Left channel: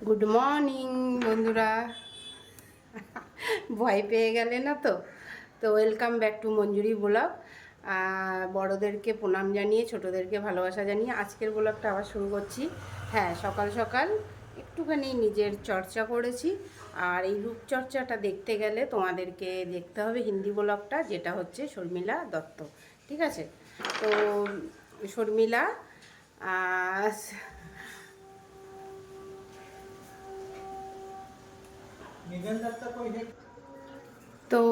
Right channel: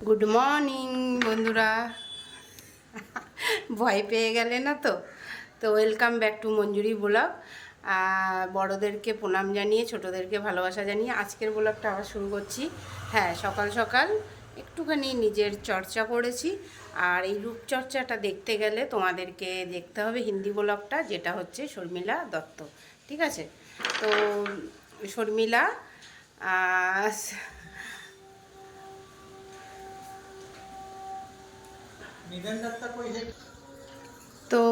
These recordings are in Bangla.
গুড মর্নিং বন্ধুরা। ভয় পেয়ে গেলে না তো? তো welcome back to Manjuri blog. বড়োদেরকে প্রণাম জানিয়ে, ছোটোদেরকে ভালোবাসা জানিয়ে আজকের ব্লগটা আবার শুরু করছি। হ্যাঁ সকাল সকাল একটুখানি নিজের চর্চা করেছি। আর এই রূপচর্চাটা দেখতে গেলে তোমাদেরকে দেখতে হবে হিন্দি ব্লগটা, যেটা হচ্ছে শর্মিলা দত্ত। ঠিক আছে? তো শর্মিলা তো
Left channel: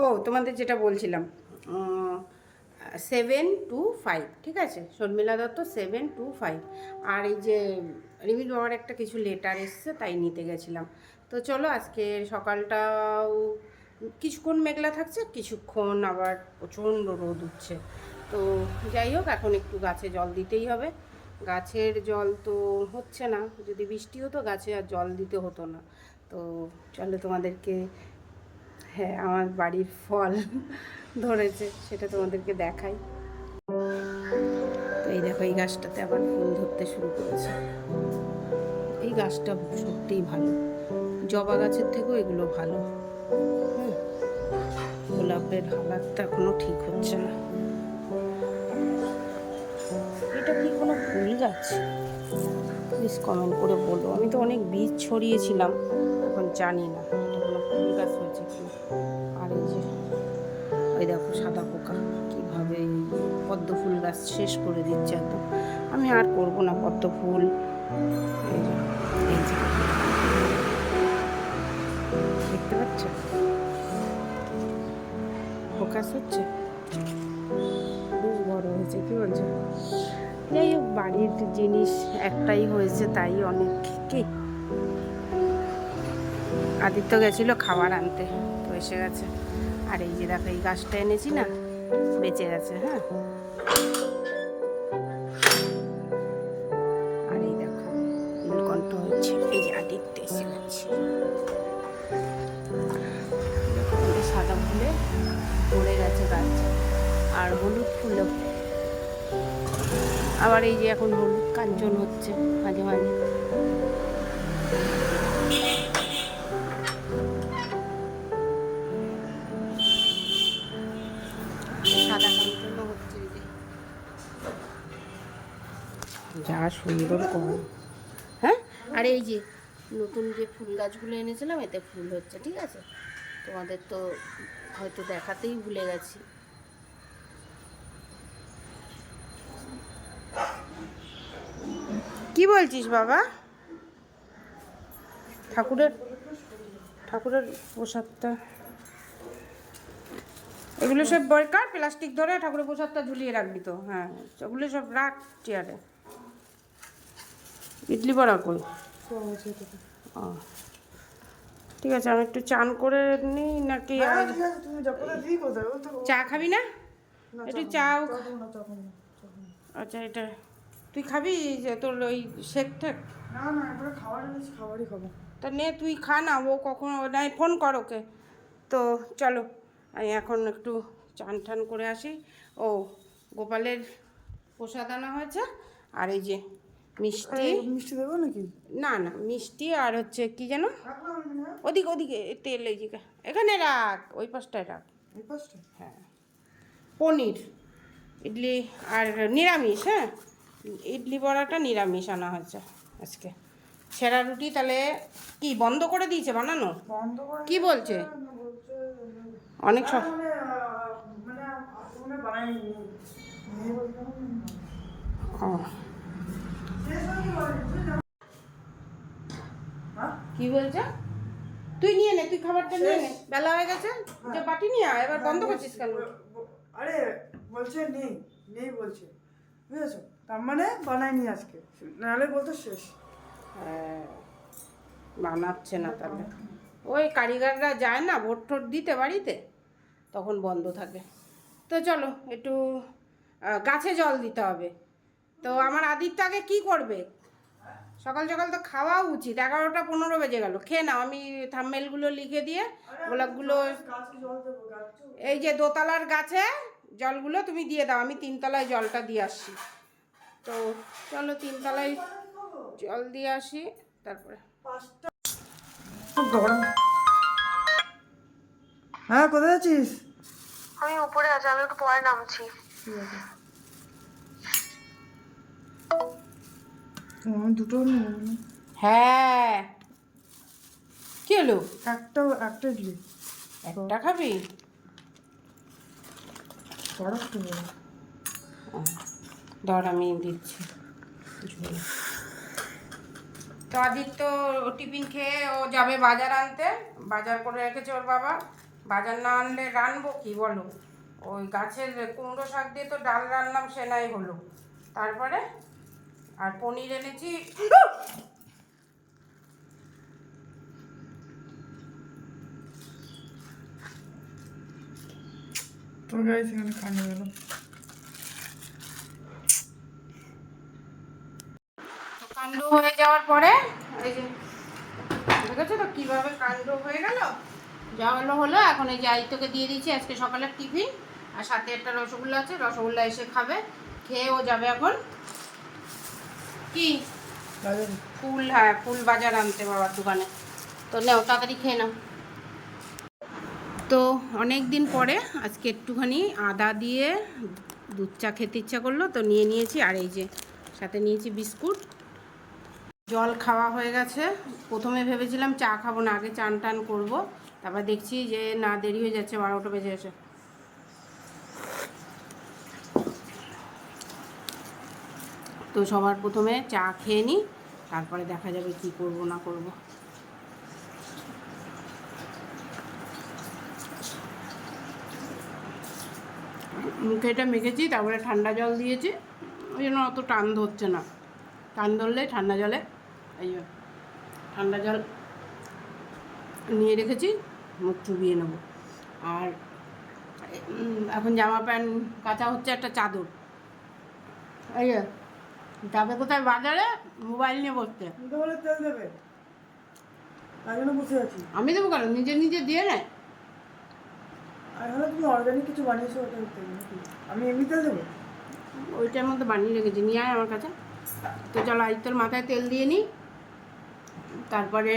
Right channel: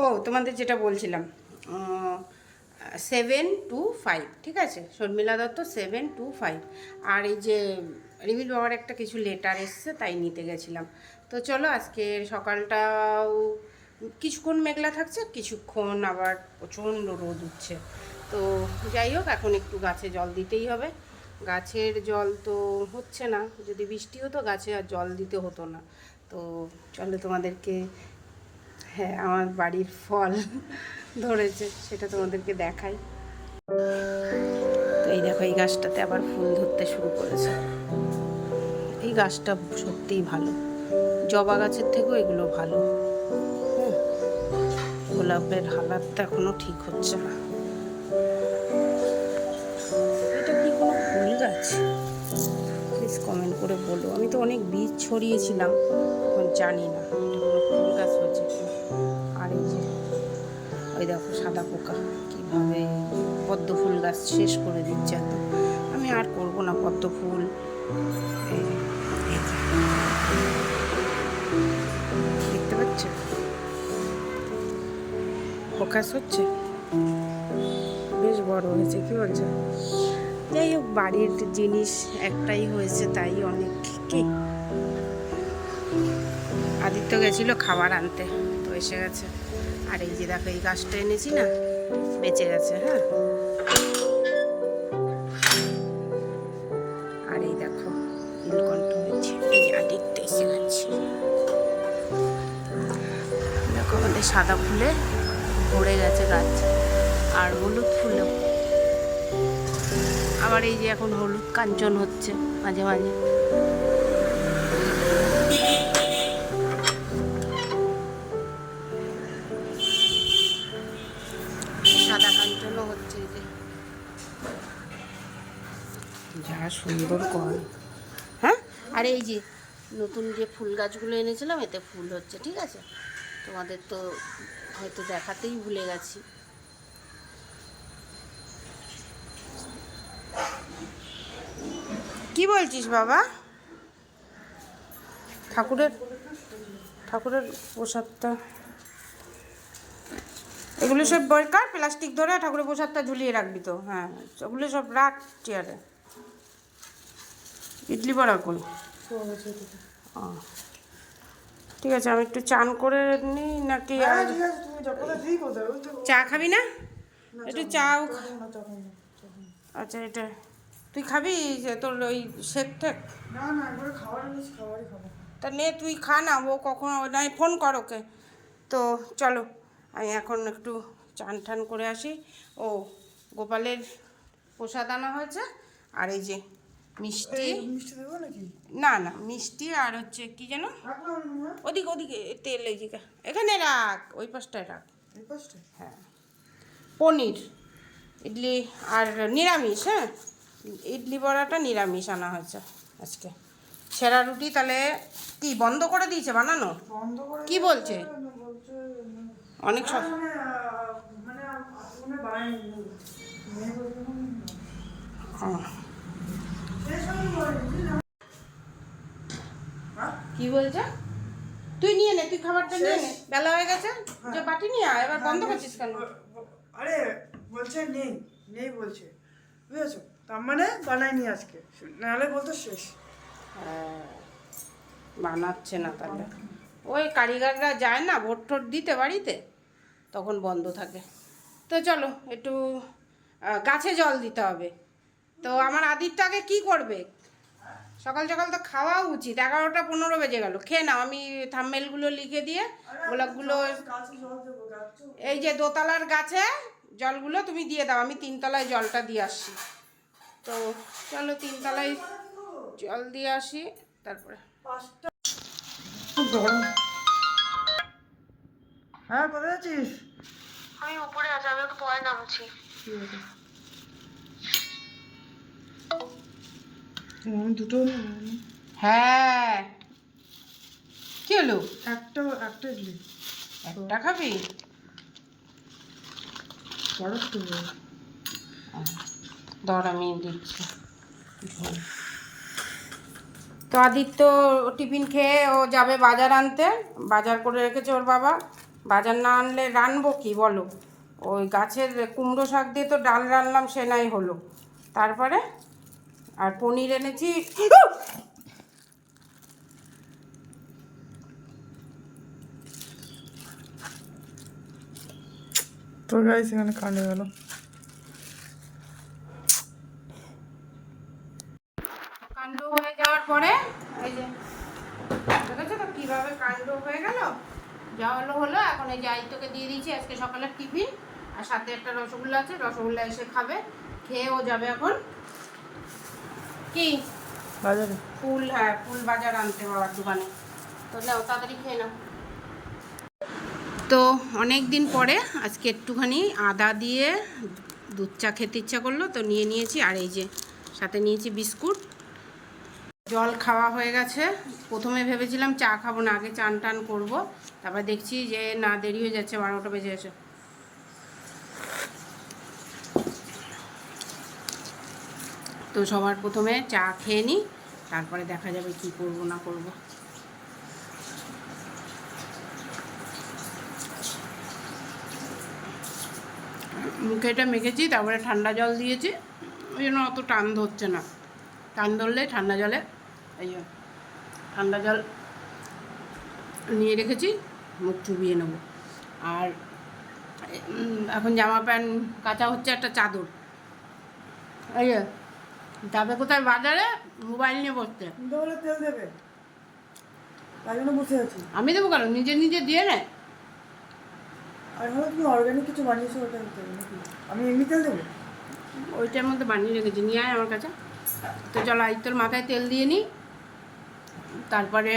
ও তোমাদের যেটা বলছিলাম সেভেন টু ফাইভ ঠিক আছে? Sharmila Dutta seven two five আর এই যে রিমিল বাবার একটা কিছু লেটার এসছে তাই নিতে গেছিলাম। তো চলো আজকের সকালটাও কিছুক্ষণ মেঘলা থাকছে, কিছুক্ষণ আবার প্রচণ্ড রোদ উঠছে। তো যাই হোক, এখন একটু গাছে জল দিতেই হবে। গাছের জল তো হচ্ছে না, যদি বৃষ্টি হতো গাছে আর জল দিতে হতো না। তো চলো তোমাদেরকে হ্যাঁ আমার বাড়ির ফল ধরেছে, সেটা তোমাদেরকে দেখাই। তো এই দেখো, এই গাছটাতে আবার ফুল ধরতে শুরু করেছে। এই গাছটা সত্যিই ভালো। জবা গাছের থেকেও এগুলো ভালো। গোলাপের হালাতটা এখনও ঠিক হচ্ছে না। এটা কি কোনো ফুল গাছ? প্লিজ কমেন্ট করে বলো। আমি তো অনেক বীজ ছড়িয়েছিলাম, এখন জানি না এটা কোনো ফুল গাছ হয়েছে কি আর এই যে, ওই দেখো সাদা পোকা, কীভাবে পদ্ম ফুল গাছ শেষ করে দিচ্ছে এত। আমি আর করব না পদ্ম ফুল। এই ফোকাস হচ্ছে। বেশ বড় হয়েছে, কি বলছো? যাই হোক, বাড়ির জিনিস একটাই হয়েছে, তাই অনেক কি? আদিত্য গেছিল খাবার আনতে, তো এসে গেছে। আর এই যে দেখো, এই গাছটা এনেছি না, বেঁচে গেছে হ্যাঁ? আর এই দেখো নীলকণ্ঠ হয়েছে এই যে আদিত্য এসে গেছে। দেখো, আমাদের সাদা ফুলে ভরে গেছে গাছ। আর হলুদ ফুলও। আবার এই যে এখন হলুদ কাঞ্চন হচ্ছে মাঝে মাঝে। সাদা কাঞ্চনও হচ্ছে এই যে। যা সুন্দর কর। হ্যাঁ? আর এই যে নতুন যে ফুল গাছগুলো এনেছিলাম এতে ফুল হচ্ছে ঠিক আছে? তোমাদের তো হয়তো দেখাতেই ভুলে গেছি। কি বলছিস বাবা? ঠাকুরের ঠাকুরের প্রসাদটা। এগুলো সব বরকার প্লাস্টিক ধরে ঠাকুরের প্রসাদটা ঝুলিয়ে রাখবি তো। হ্যাঁ ওগুলো সব রাখ চেয়ারে। ইডলি বড়া কই? ও। ঠিক আছে আমি একটু চান করে নিই নাকি আর চা খাবি না? একটু চাও আচ্ছা এটা তুই খাবি যে তোর ওই শেক ঠেক? তা নে তুই খা না ও কখন নাই ফোন কর ওকে। তো চলো আমি এখন একটু চান টান করে আসি। ও গোপালের প্রসাদ আনা হয়েছে আর এই যে মিষ্টি? মিষ্টি দেবো নাকি? না না মিষ্টি আর হচ্ছে কি যেন? ওদিকে ওদিকে তেল এই এখানে রাখ ওই পাশটায় রাখ। হ্যাঁ। পনির ইডলি আর নিরামিষ হ্যাঁ? ইডলি বড়াটা নিরামিষ আনা হয়েছে আজকে। ছেঁড়া রুটি তাহলে কি বন্ধ করে দিয়েছে বানানো? কি বলছে? অনেক সব মানে মানে ও, শেষ হয়নি বলে, বুঝলি না? হ্যাঁ? কি বলছে? তুই নিয়ে নে তুই খাবারটা নিয়ে নে। বেলা হয়ে গেছে? যে বাটি নিয়ে আয় এবার বন্ধ করছিস কেন? আরে বলছে নেই নেই বলছে। বুঝেছ? তার মানে বানাইনি আজকে। নাহলে বলতো শেষ। হ্যাঁ, বানাচ্ছে না তাহলে। ওই কারিগররা যায় না ভোট টোট দিতে বাড়িতে তখন বন্ধ থাকে। তো চলো একটু গাছে জল দিতে হবে। তো আমার আদিত্য আগে কী করবে? সকাল সকাল তো খাওয়া উচিত। এগারোটা পনেরো বেজে গেল। খেয়ে নাও। আমি থাম্মেলগুলো লিখে দিয়ে গোলাপগুলো এই যে দোতলার গাছে জলগুলো তুমি দিয়ে দাও। আমি তিনতলায় জলটা দিয়ে আসি। তো চলো তিনতলায় জল দিয়ে আসি। তারপরে হ্যাঁ কোথায় আছিস? আমি উপরে আছি আমি একটু পরে নামছি। দুটো হ্যাঁ। কি হলো? একটা একটা একটা খাবি? ধর আমি দিচ্ছি। তো আদিত্য টিফিন খেয়ে ও যাবে বাজার আনতে। বাজার করে রেখেছে ওর বাবা। বাজার না আনলে রানবো কি বলো? ওই গাছের কুমড়ো শাক দিয়ে তো ডাল রানলাম সে নাই হলো। তারপরে? আর পনির এনেছি। তো গাইস এখানে কানে গেল। কাণ্ড হয়ে যাওয়ার পরে এই যে দেখেছ তো কীভাবে কাণ্ড হয়ে গেল? যা হলো হলো এখন এই যে আইতোকে দিয়ে দিয়েছি আজকে সকালের টিফিন আর সাথে একটা রসগোল্লা আছে রসগোল্লা এসে খাবে খেয়ে ও যাবে এখন। কি? বাজারে। ফুল হ্যাঁ ফুল বাজার আনতে বাবার দোকানে। তো নেও তাড়াতাড়ি খেয়ে নাও। তো অনেক দিন পরে আজকে একটুখানি আদা দিয়ে দুধ চা খেতে ইচ্ছা করল তো নিয়ে নিয়েছি আর এই যে সাথে নিয়েছি বিস্কুট। জল খাওয়া হয়ে গেছে। প্রথমে ভেবেছিলাম চা খাব না আগে চান টান করব। তারপর দেখছি যে না দেরি হয়ে যাচ্ছে বারোটা বেজে গেছে। তো সবার প্রথমে চা খেয়ে নিই, তারপরে দেখা যাবে কি করব না করব। মুখে এটা মেখেছি, তারপরে ঠান্ডা জল দিয়েছি, ওই জন্য অত টান ধরছে না। টান ধরলে ঠান্ডা জলে, এই ঠান্ডা জল নিয়ে রেখেছি, মুখ চুবিয়ে নেব। আর এখন জামা প্যান্ট কাচা হচ্ছে একটা চাদর। এই যাবে কোথায়? বাজারে? মোবাইল নিয়ে বসতে। তুমি তো বলে তেল দেবে। তাই জন্য বসে আছি। আমি দেবো কেন? নিজে নিজে দিয়ে নেয় আর এখানে তুমি অর্গানিক কিছু বানিয়েছো ওটা দিতে হবে নাকি? আমি এমনি তেল দেবো? ওইটার মধ্যে বানিয়ে রেখেছি নিয়ে আয় আমার কাছে। তো চলো আজ তোর মাথায় তেল দিয়ে নিই তারপরে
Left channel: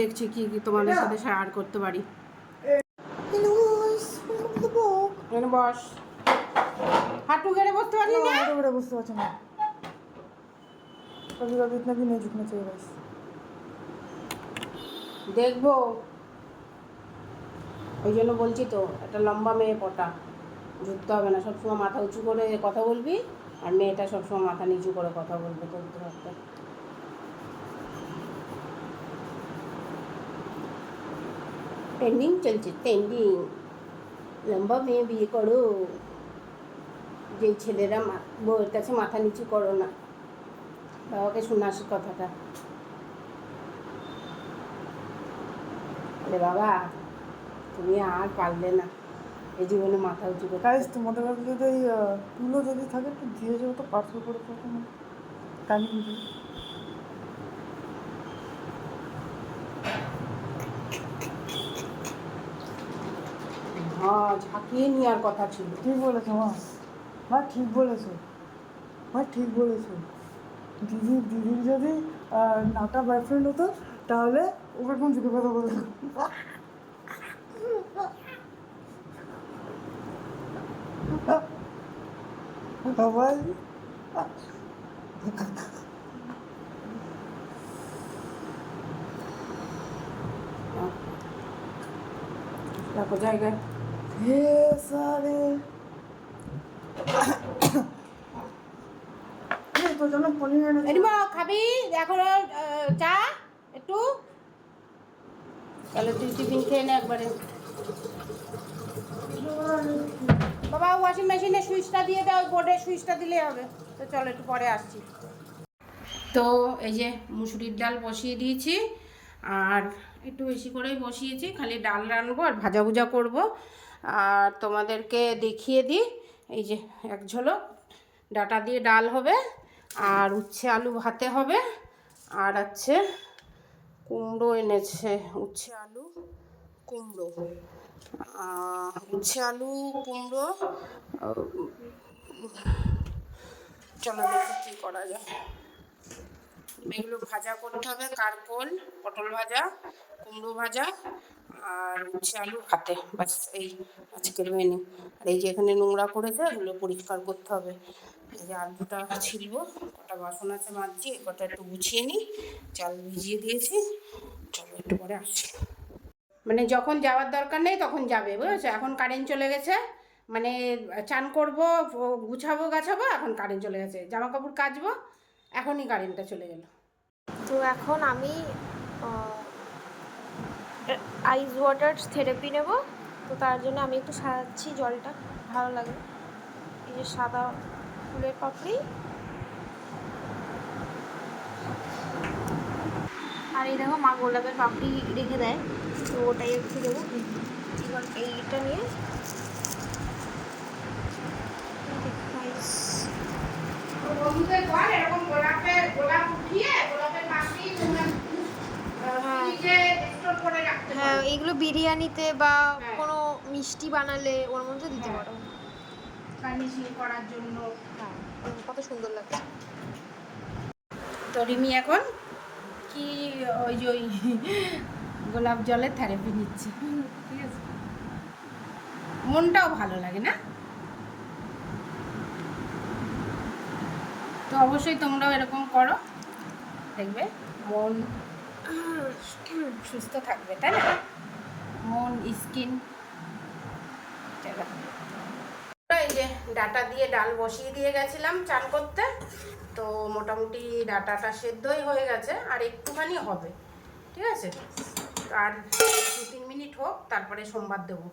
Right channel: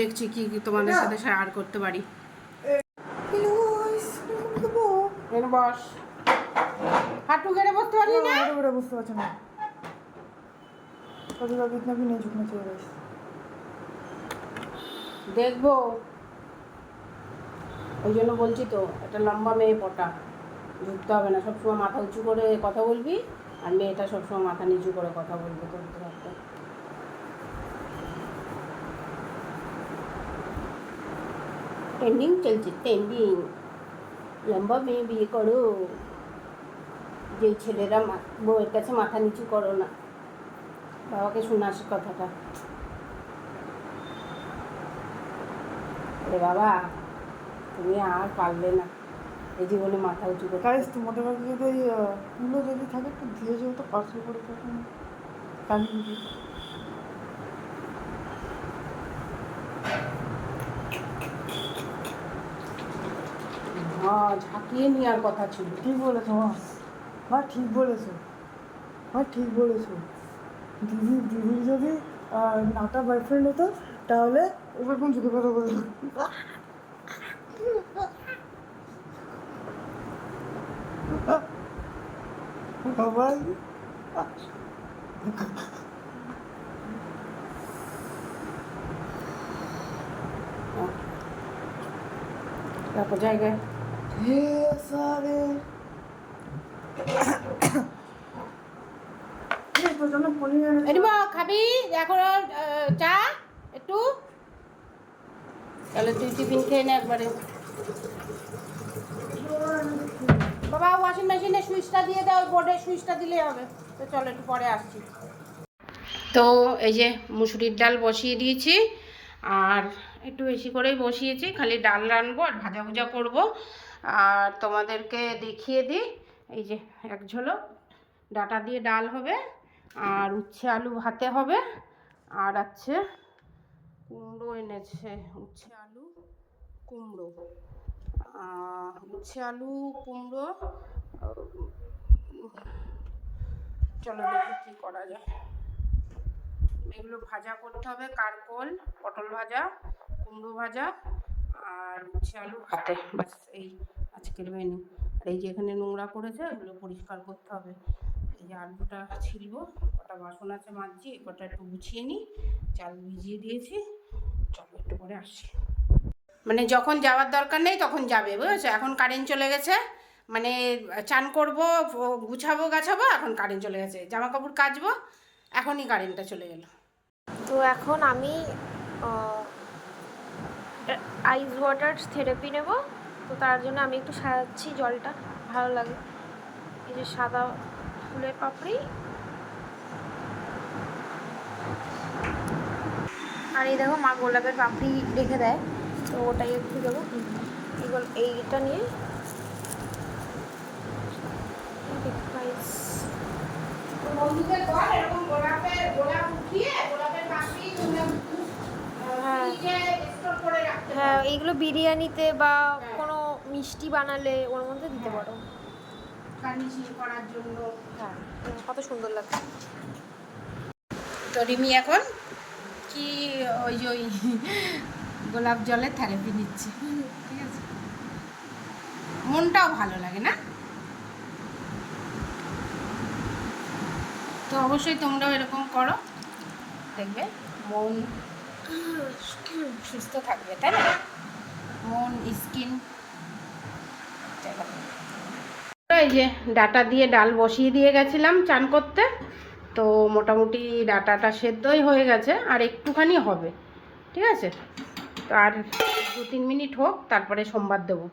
দেখছি কি কি তোমাদের সাথে শেয়ার করতে পারি। বস। হাঁটু গেড়ে বসতে পারলি না বড় বড় বুঝতে পারছ না। कभी कभी इतना भी नहीं झुकना चाहिए गाइस দেখবো ওই জন্য বলছি তো একটা লম্বা মেয়ে পটা ঝুঁকতে হবে না সবসময় মাথা উঁচু করে কথা বলবি আর মেয়েটা সবসময় মাথা নিচু করে কথা বলবে তোর তো একটা ট্রেন্ডিং চলছে ট্রেন্ডিং লম্বা মেয়ে বিয়ে করো যে ছেলেরা মা- বউয়ের কাছে মাথা নিচু করো না বাবাকে শোনাস কথাটা। আরে বাবা তুমি আর পারলে না। এই জীবনে মাথা উঁচু করতে গাইস তোমাদের কাছে যদি ওই কুলো যদি থাকে একটু দিয়ে যাও তো পার্সেল করে পাঠানো টানি দিয়ে হ্যাঁ ঝাঁকিয়ে নেওয়ার কথা ছিল। ঠিক বলেছ মা। মা ঠিক বলেছ। মা ঠিক বলেছ। দিদি দিদির যদি নাটা বয়ফ্রেন্ড হতো তাহলে ওকে কোন চোখে কথা বলতো বাবা তারপর জায়গায়। হে সারে এই তোর জন্য পনির এনেছি। এডিমা খাবি? এখন চা? একটু? তাহলে তুই টিফিন খেয়ে নে একবারে। বাবা ওয়াশিং মেশিনে সুইচটা দিয়ে দাও বোর্ডের সুইচটা দিলেই হবে। তো চলো একটু পরে আসছি। তো এই যে মুসুরির ডাল বসিয়ে দিয়েছি আর একটু বেশি করেই বসিয়েছি খালি ডাল রানবো আর ভাজা ভুজা করব। আর তোমাদেরকে দেখিয়ে দিই এই যে এক ঝলক ডাটা দিয়ে ডাল হবে। আর উচ্ছে আলু ভাতে হবে। আর আছে কুমড়ো এনেছে, উচ্ছে আলু, কুমড়ো। উচ্ছে আলু, কুমড়ো চলো দেখি কী করা যায়। এগুলো ভাজা করতে হবে, কারকোল, পটল ভাজা, কুমড়ো ভাজা, আর উচ্ছে আলু ভাতে। বাস এই আজকের মেনু আর এই যে এখানে নোংরা করেছে, এগুলো পরিষ্কার করতে হবে। এই আলুটা ছিলব, কটা বাসন আছে মাজছি, এ কটা একটু গুছিয়ে নিই, চাল ভিজিয়ে দিয়েছি, চলো একটু পরে আসছি। মানে যখন যাওয়ার দরকার নেই তখন যাবে, বুঝেছ? এখন কারেন্ট চলে গেছে মানে চান করব গুছাবো, গাছাবো, এখন কারেন্ট চলে গেছে জামা কাপড় কাচবো, এখনই কারেন্টটা চলে গেল। তো এখন আমি আইস ওয়াটার থেরাপি নেব, তো তার জন্য আমি একটু সাজাচ্ছি জলটা, ভালো লাগে। এই যে সাদা ফুলের পাপড়ি। আর এই দেখো মা গোলাপের পাপড়ি রেখে দেয় তো ওটাই একটু দেবো। এইটা নিয়ে হ্যাঁ। হ্যাঁ এইগুলো বিরিয়ানিতে বা কোনো মিষ্টি বানালে ওর মধ্যে দিতে পারো। গার্নিশিং করার জন্য। হ্যাঁ কত সুন্দর লাগে তো রিমি এখন কি ওই যে ওই গোলাপ জলের থেরাপি নিচ্ছে। ঠিক আছে? মনটাও ভালো লাগে না? তো অবশ্যই তোমরাও এরকম করো। দেখবে মন সুস্থ থাকবে তাই না? মন স্কিন এই যে ডাটা দিয়ে ডাল বসিয়ে দিয়ে গেছিলাম চান করতে তো মোটামুটি ডাটাটা সেদ্ধই হয়ে গেছে আর একটুখানি হবে ঠিক আছে? তো আর দু তিন মিনিট হোক তারপরে সোমবার দেবো।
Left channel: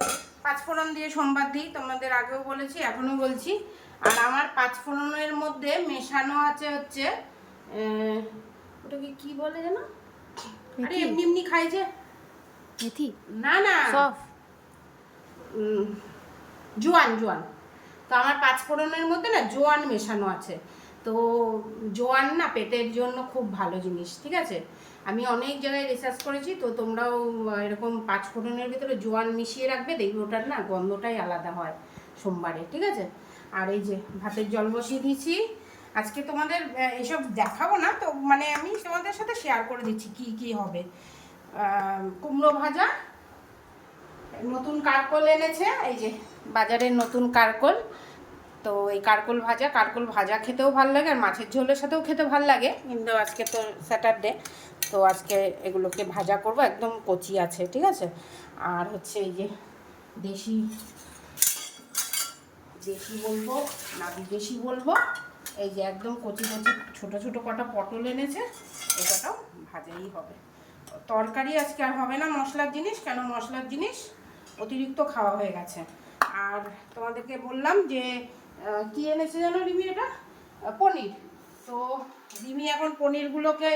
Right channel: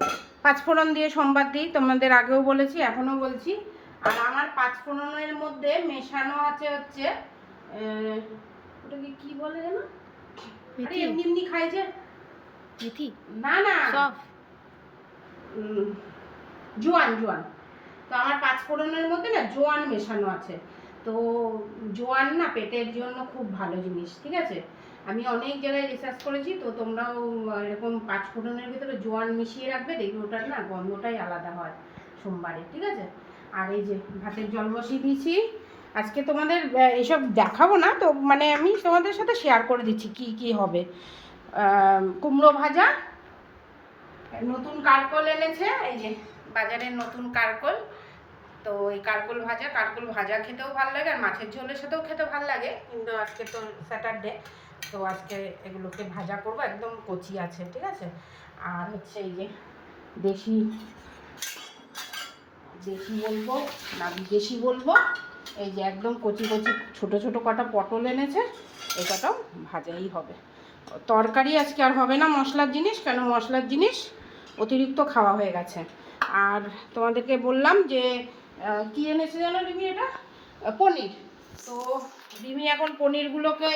পাঁচফোড়ন দিয়ে সোমবার দিই তোমাদের আগেও বলেছি এখনও বলছি। আর আমার পাঁচফোড়নের মধ্যে মেশানো আছে হচ্ছে ওটাকে কি বলে যেন? আরে এমনি এমনি খাই যে। না না। সফ জোয়ান জোয়ান। তো আমার পাঁচ ফোড়নের মধ্যে না জোয়ান মেশানো আছে। তো জোয়ান না পেটের জন্য খুব ভালো জিনিস ঠিক আছে? আমি অনেক জায়গায় রিসার্চ করেছি তো তোমরাও এরকম পাঁচ ফোড়নের ভিতরে জোয়ান মিশিয়ে রাখবে দেখবে ওটার না গন্ধটাই আলাদা হয় সোমবারে ঠিক আছে? আর এই যে ভাতের জল বসিয়ে দিয়েছি। আজকে তোমাদের আহ, এইসব দেখাবো না তো মানে আমি তোমাদের সাথে শেয়ার করে দিচ্ছি কি কি হবে। কুমড়ো ভাজা নতুন কারকল এনেছে এই যে বাজারের নতুন কারকল। তো এই কারকল ভাজা কারকল ভাজা খেতেও ভালো লাগে আর মাছের ঝোলের সাথেও খেতে ভালো লাগে। কিন্তু আজকে তো স্যাটারডে তো আজকে এগুলোকে ভাজা করব, একদম কচি আছে, ঠিক আছে? আর হচ্ছে এই যে দেশি দেশি বলব না, বিদেশি বলব, এই যে একদম কচি কচি ছোট ছোট কটা পটল এনেছে, এটাটাও ভাজাই হবে। তরকারি আজকে আর হবে না মশলার জিনিস, কেন মশলার জিনিস অতিরিক্ত খাওয়া হয়ে গেছে। আর তোমাদেরকে বললাম যে কি এনেছি জানো রিমি এটা? পনির। তো রিমি এখন পনিরগুলোকে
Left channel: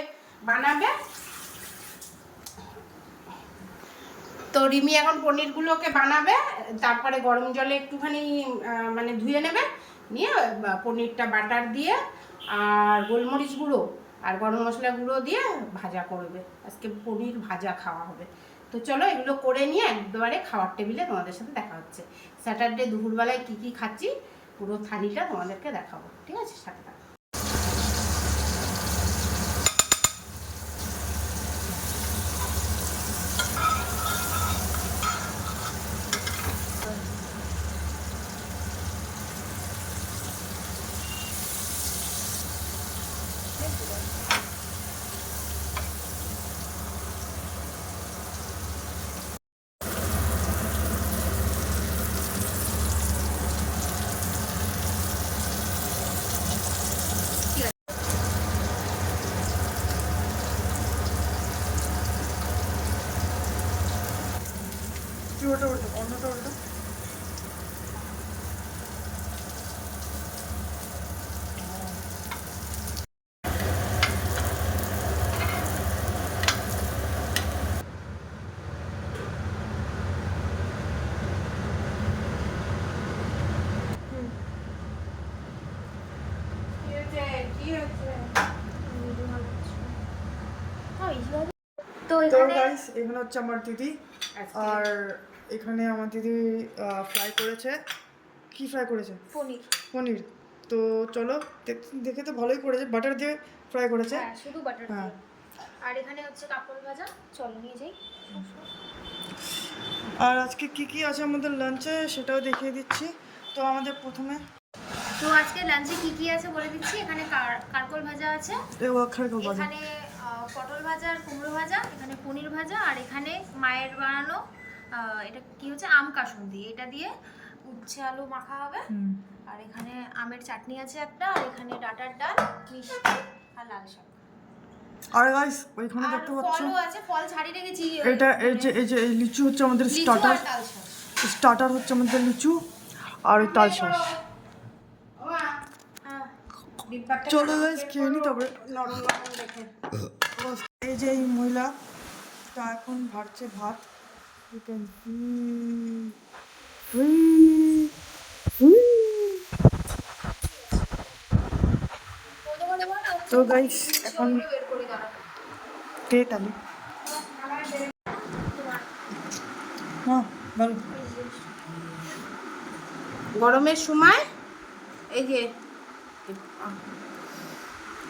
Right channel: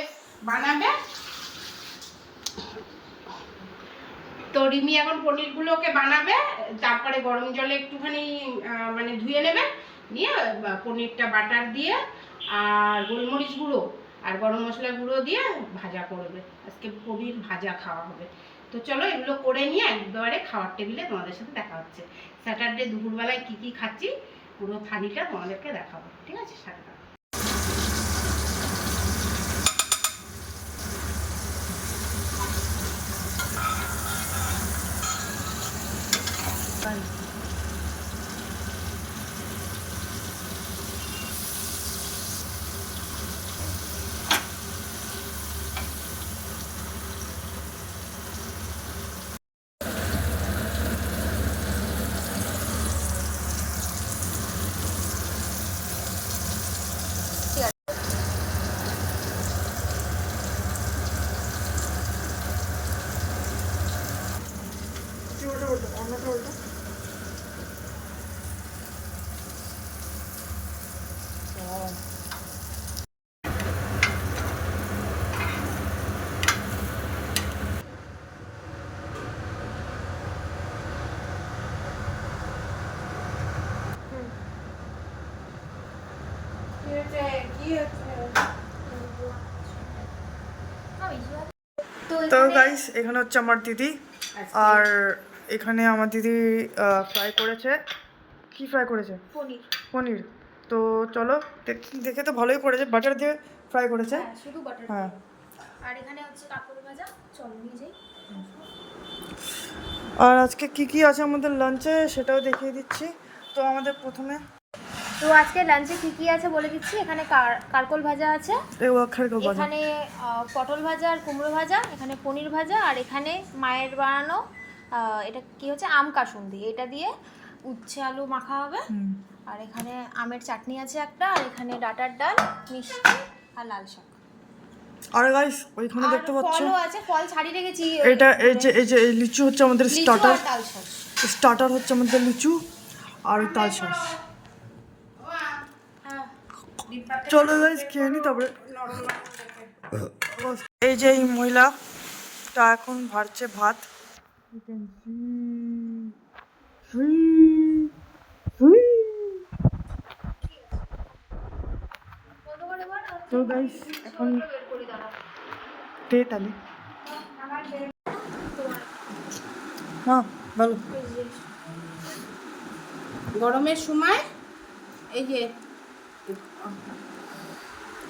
বানাবে। তো রিমি এখন পনিরগুলোকে বানাবে, তারপরে গরম জলে একটুখানি মানে ধুয়ে নেবে, নিয়ে পনিরটা বাটার দিয়ে, আর গোলমরিচ গুঁড়ো, আর গরম মশলা গুঁড়ো দিয়ে ভাজা করবে। আজকে পনির ভাজা খাওয়া হবে। তো চলো এগুলো করে নিয়ে একবারে খাওয়ার টেবিলে তোমাদের সাথে দেখা হচ্ছে। স্যাটারডে দুপুরবেলায় কী কী খাচ্ছি? পুরো থালিটা তোমাদেরকে দেখাবো ঠিক আছে? সাথে কি ওটা ওটা অন্যটা ওটা কি হচ্ছে কি হচ্ছে হ্যাঁ, easy হবে। তো গাইস এখানে হচ্ছে আমার দিদি আর এখানে আমার দিদি ফ্রাই করেছে। কি ফ্রাই করেছে? পনির। পনির। তো চলো দেখ- তো ভালোই করেছে। বাটার দিয়ে ফ্রাই করেছে। হ্যাঁ শুধু বাটার হ্যাঁ। আর এখানে হচ্ছে কাপড় ভাজা। চল নিয়ে যাই। আর আজকে কি কি আছে আমাদের লাঞ্চে সেটাও দেখিয়ে দিচ্ছি। তো আমাদের প্রথমে তো আজকে লাঞ্চে কি কি আছে বলে দিচ্ছি? এখানে কার- কারকল ভাজা আছে। এখানে পটল ভাজা আর কুমড়ো ভাজা এখানে পনির ভাজা আর এখানে মায়ের বানানো এটা কি হচ্ছে? আম কাসুন্দি। এটা দিয়ে উচ্ছে আলু মাখা হবে। আর এখানে আমের চাটনি আছে একটা আর এখানে ডাটার ডাল মিষ্টি আর লাল শাক। আর গাইস ওইখানে দেখতে পাচ্ছ? আছে ফল ছাড়িয়ে রেখেছি। এটা এই যে এই যে এই লিচু হচ্ছে আমাদের লিচু স্টার্টার স্টার্টার হচ্ছে আমাদের লিচু আর ওই তাল চলো গাইস খেয়ে নি তারপরে। এই যে এই মহিলাটা এখন ভারছে ভাত। তো গাইস এখন দে তালি হ্যাঁ ভালো। গরমের সময়, এই যে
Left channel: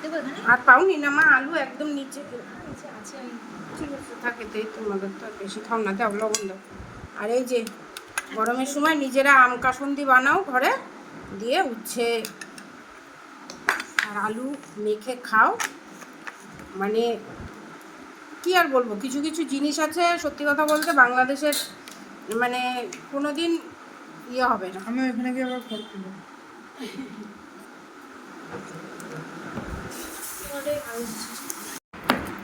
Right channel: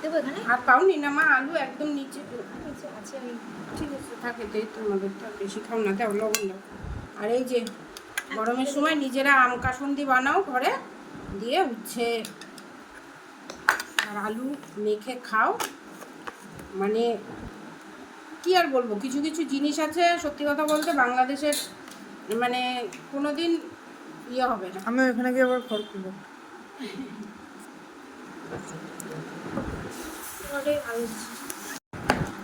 দেবো এখানে? আর পাওনি না মা আলু একদম নিচে আচ্ছা আচ্ছা ঠিক আছে থাকে তাই তোমাদের তো আর বেশি খাও না দাও লবণ দাও। আর এই যে গরমের সময় নিজেরা আম কাসন্দি বানাও ঘরে দিয়ে উচ্ছে আর আলু মেখে খাও। মানে কি আর বলব কিছু কিছু জিনিস আছে সত্যি কথা বলতে বাংলাদেশের মানে কোনো দিন ইয়ে হবে না। আমি ওখানে গিয়ে আবার ঘর করব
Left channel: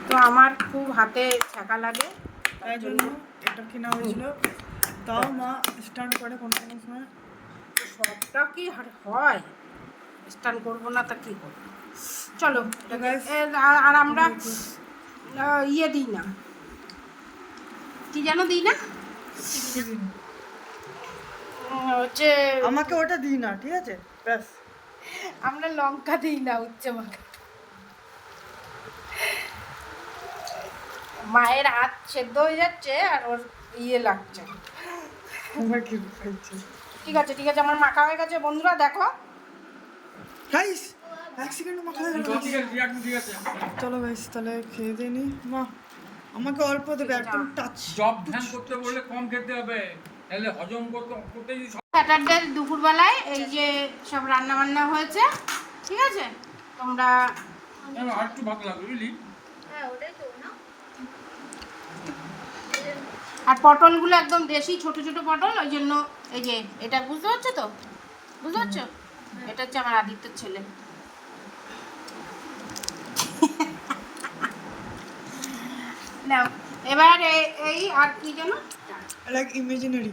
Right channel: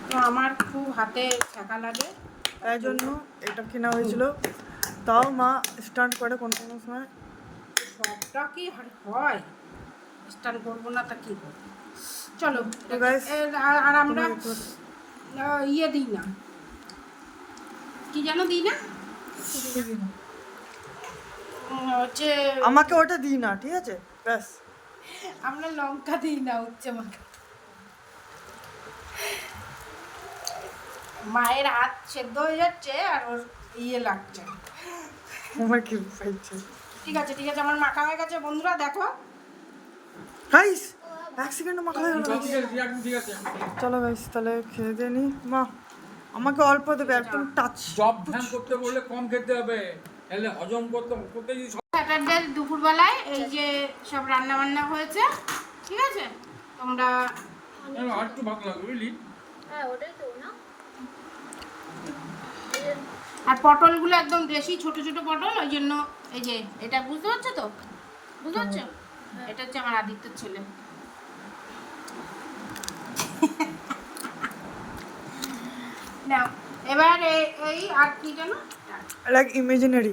তো আমার খুব হাতে ছ্যাঁকা লাগে। তাই জন্য এটা কেনা হয়েছিল। তাও মা স্টার্ট করে কোনো কোনো সময় সবটা কি হয়? স্টান করব না তা কি করব? চলো আর আমরা ইয়ে দিই না। কি যেন দিই না? হচ্ছে আমাকে ওটা দিই না ঠিক আছে? ব্যাস। আমরা লঙ্কা দিই না উচ্চ মাখা মায়ের হাত সেদ্ধ হয়ে যাচ্ছে আর ওর ইয়ে লাগছে। ঠিক আছে ঠিক আছে আমার মাখা হয়ে গেছে। বন্ধুরা দেখো। গাইস এক সেকেন্ড মাখা হয়ে গেল। চলো গাইস তাহলে খেয়ে দিয়ে নি। মা আমাকে অল্প দেবে একদম টাচ জব ধ্যান করতে বললে কম খেতে হবে। তাহলে হজম করতে করতে যদি স্যাটারডে দুপুরবেলায় এই যে সব রান্না বান্না হয়েছে ঠিক আছে? তোমরা আর একটু ভালো লাগবে বুঝলি? হ্যাঁ ওটাই তো না? আর পটলগুলো একদম দেশি ছোট ছোট পটল ওই জন্য এই যে এটা বুঝতে পারছ তো? বুঝতে পারছ? এটা হচ্ছে আমার আদিত্য ছেলে। নাও, এবার এই আর কি যেন? লাইক ইমাজিনারি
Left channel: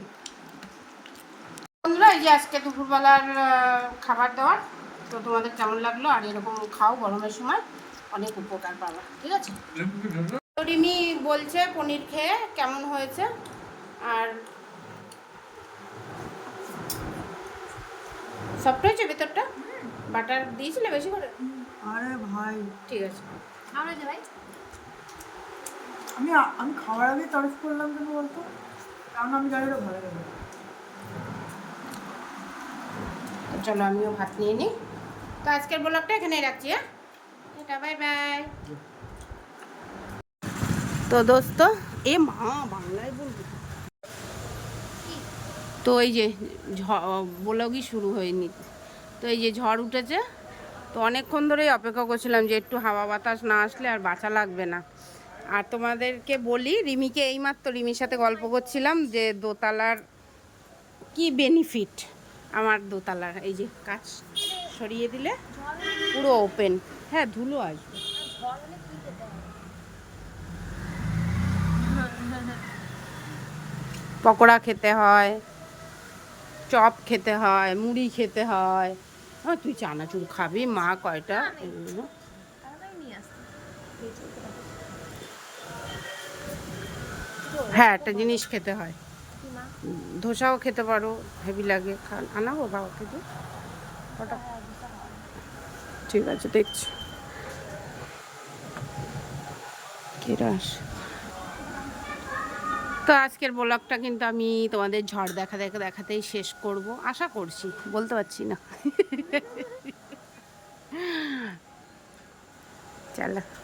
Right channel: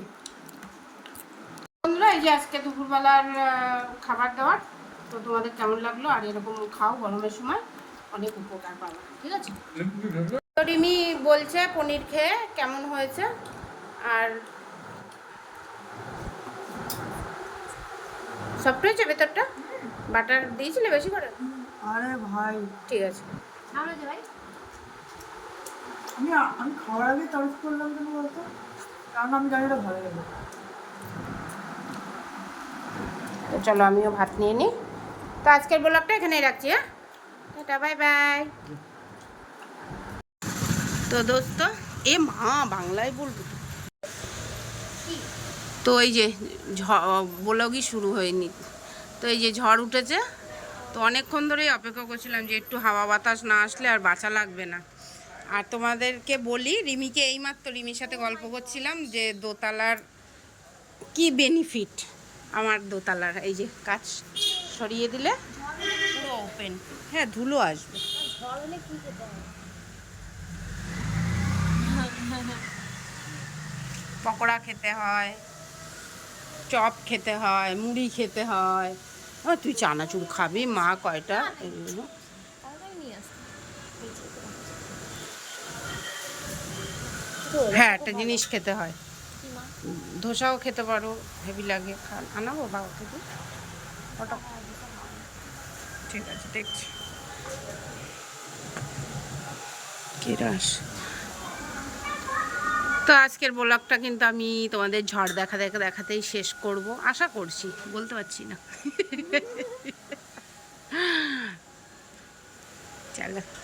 বন্ধুরা এই যে আজকে দুপুরবেলার খাবার দাবার তো তোমাদের কেমন লাগল? আর এরকম খাও গরমের সময় অনেক উপকার পাবে ঠিক আছে? তো রিমি বলছে পনির খেয়ে কেমন হয়েছে? আর সফট হয়েছে ভেতরটা? বাটার দিয়েছিলে বেশি করে? আরে ভাই। ঠিক আছে। আমি আমি খাওয়ার আগে তারিফ করলাম কেন বলতো? চলো আমিও ভাত নিয়ে নিই। তো আজকের ব্লগটা এখানেই রাখছি হ্যাঁ? এটা বাই বাই। তো দোস্ত, এ মা, বাংলায় বলব তো। তো এই যে ব্লগই শুরু হয়নি। তো এই যে ঝড় উঠেছে, তো অনেকক্ষণ ধরেই অপেক্ষা করছিলাম যে একটু হাওয়া বাতাস না আসলে আর বাঁচা লাগবে না। আর তোমাদেরকে বলি, রিমিকে এইমাত্র রিমির সাথে গল্প করছিলাম যে দোতলার কি বেনিফিট আমার দোতলার, এই যে কাজ সরিয়ে দিলে পুরো ওপেন হ্যাঁ ধুলো আসবে। পকোড়া খেতে হয়, চপ খেতে হয়, মুড়ি খেতে হয়। তুই চানাচুর খাবি, মা কয়টা? এগুলো। হ্যাঁ একটা জিনিস খেতে হয়। ধোসাও খেতে পারো হেভি লাগে। খান আনাবো বাবা থেকে। ঠিক আছে দেখছি। কেরাস। তো তো আজকের ব্লগটা কিন্তু আমি তোমাদের ঝড় দেখা দেখা দেখাতেই শেষ করব। আশা করছি বলতে পারছি না। চলো।